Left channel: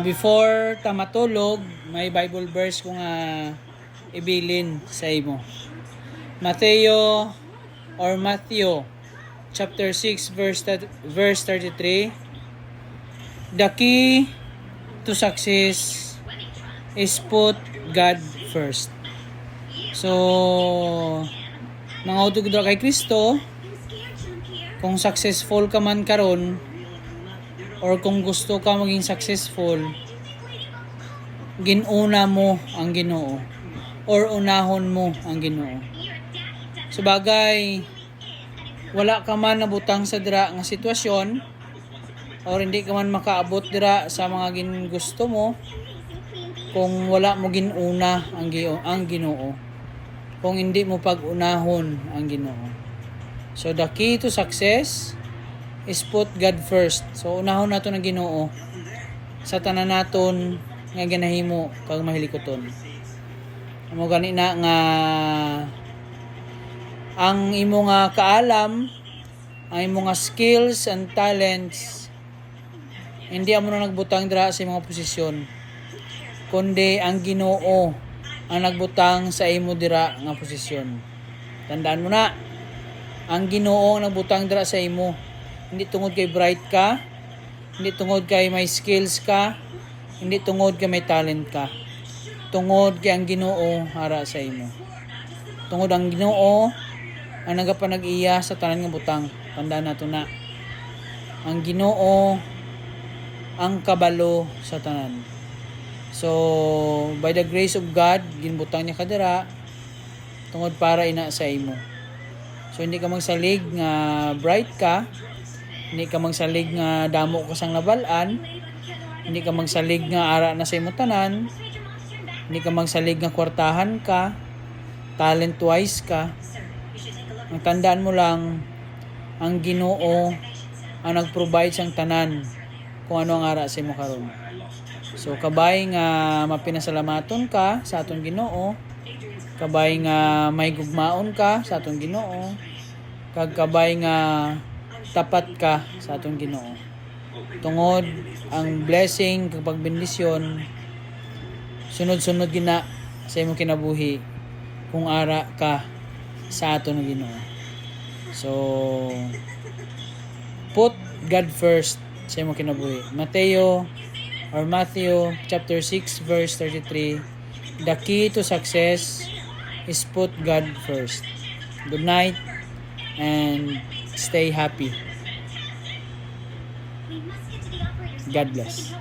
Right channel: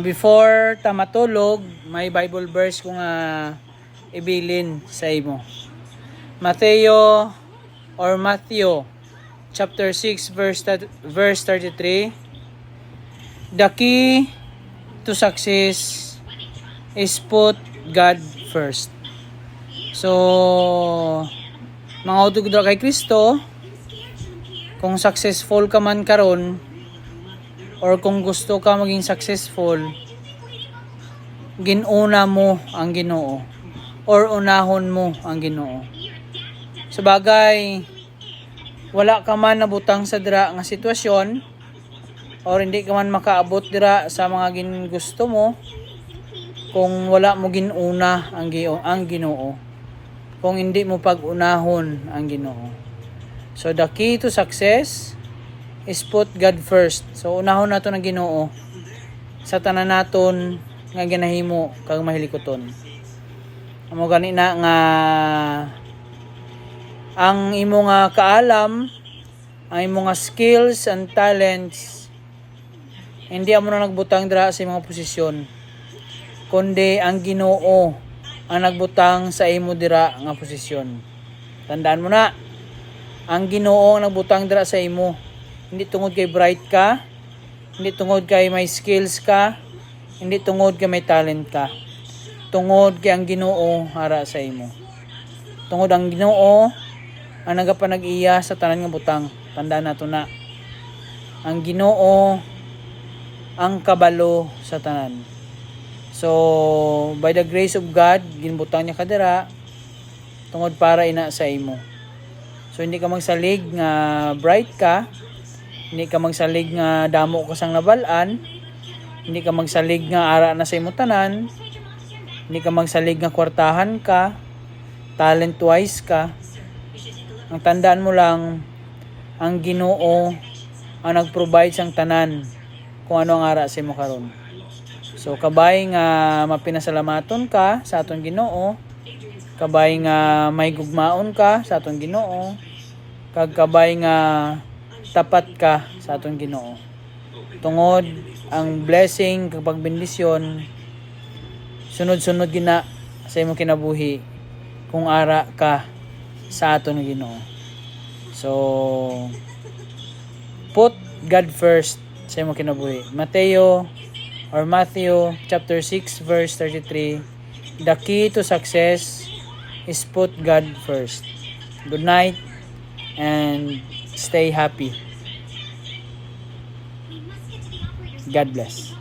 Before ta matulog, may Bible verse ko nga ibilin sa imo. Matthew chapter 6 verse 33. The key to success is put God first. So, mga utog dra kay Kristo, kung successful ka man karon or kung gusto ka maging successful, ginuna mo ang Ginoo or unahon mo ang Ginoo. Sabagay, wala ka man nabutang sa dira nga sitwasyon or hindi ka man makaabot dira sa mga gusto mo kung wala mo ginuna ang Ginoo, kung hindi mo pag-unahon ang Ginoo. So the key to success is put God first. So unahon nato ng Ginoo sa tanan naton nga ginahimo kag mahilikoton. Amo gani na nga ang imo nga kaalam, ang imo nga skills and talents, hindi amo na nagbutang dira sa imong posisyon, kundi ang Ginoo ang nagbutang sa imo dira nga posisyon. Tandaan mo na, ang Ginoo ang nagbutang dira sa imo. Hindi tungod kay bright ka, hindi tungod kay may skills ka, hindi tungod kay may talent ka. Tungod kay ang Ginoo hara sa imo. Tungod ang Ginoo ang nagapanag-iya sa tanan nga butang. Tandaan nato na, ang Ginoo ang kabalo sa tanan. So, by the grace of God, ginbutang niya kadira tungod para ina sa imo. So, hindi ka magsalig nga bright ka, hindi ka magsalig nga damo ka sang nabalaan, hindi ka magsalig nga ara na sa imo tanan, hindi ka magsalig nga kwartahan ka, talent wise ka. Ang tandaan mo lang, ang Ginoo ang nag-provide sang tanan kung ano ang ara sa imo karon. So kabay nga mapinasalamaton ka sa aton Ginoo, kabay nga may gugmaon ka sa aton Ginoo, kag kabay nga tapat ka sa aton Ginoo. Tungod ang blessing kag pagbendisyon sunod-sunod gina sa imong kinabuhi kung ara ka sa aton Ginoo. So put God first sa imong kinabuhi. Matthew chapter 6 verse 33. The key to success is put God first. Good night and stay happy. God bless.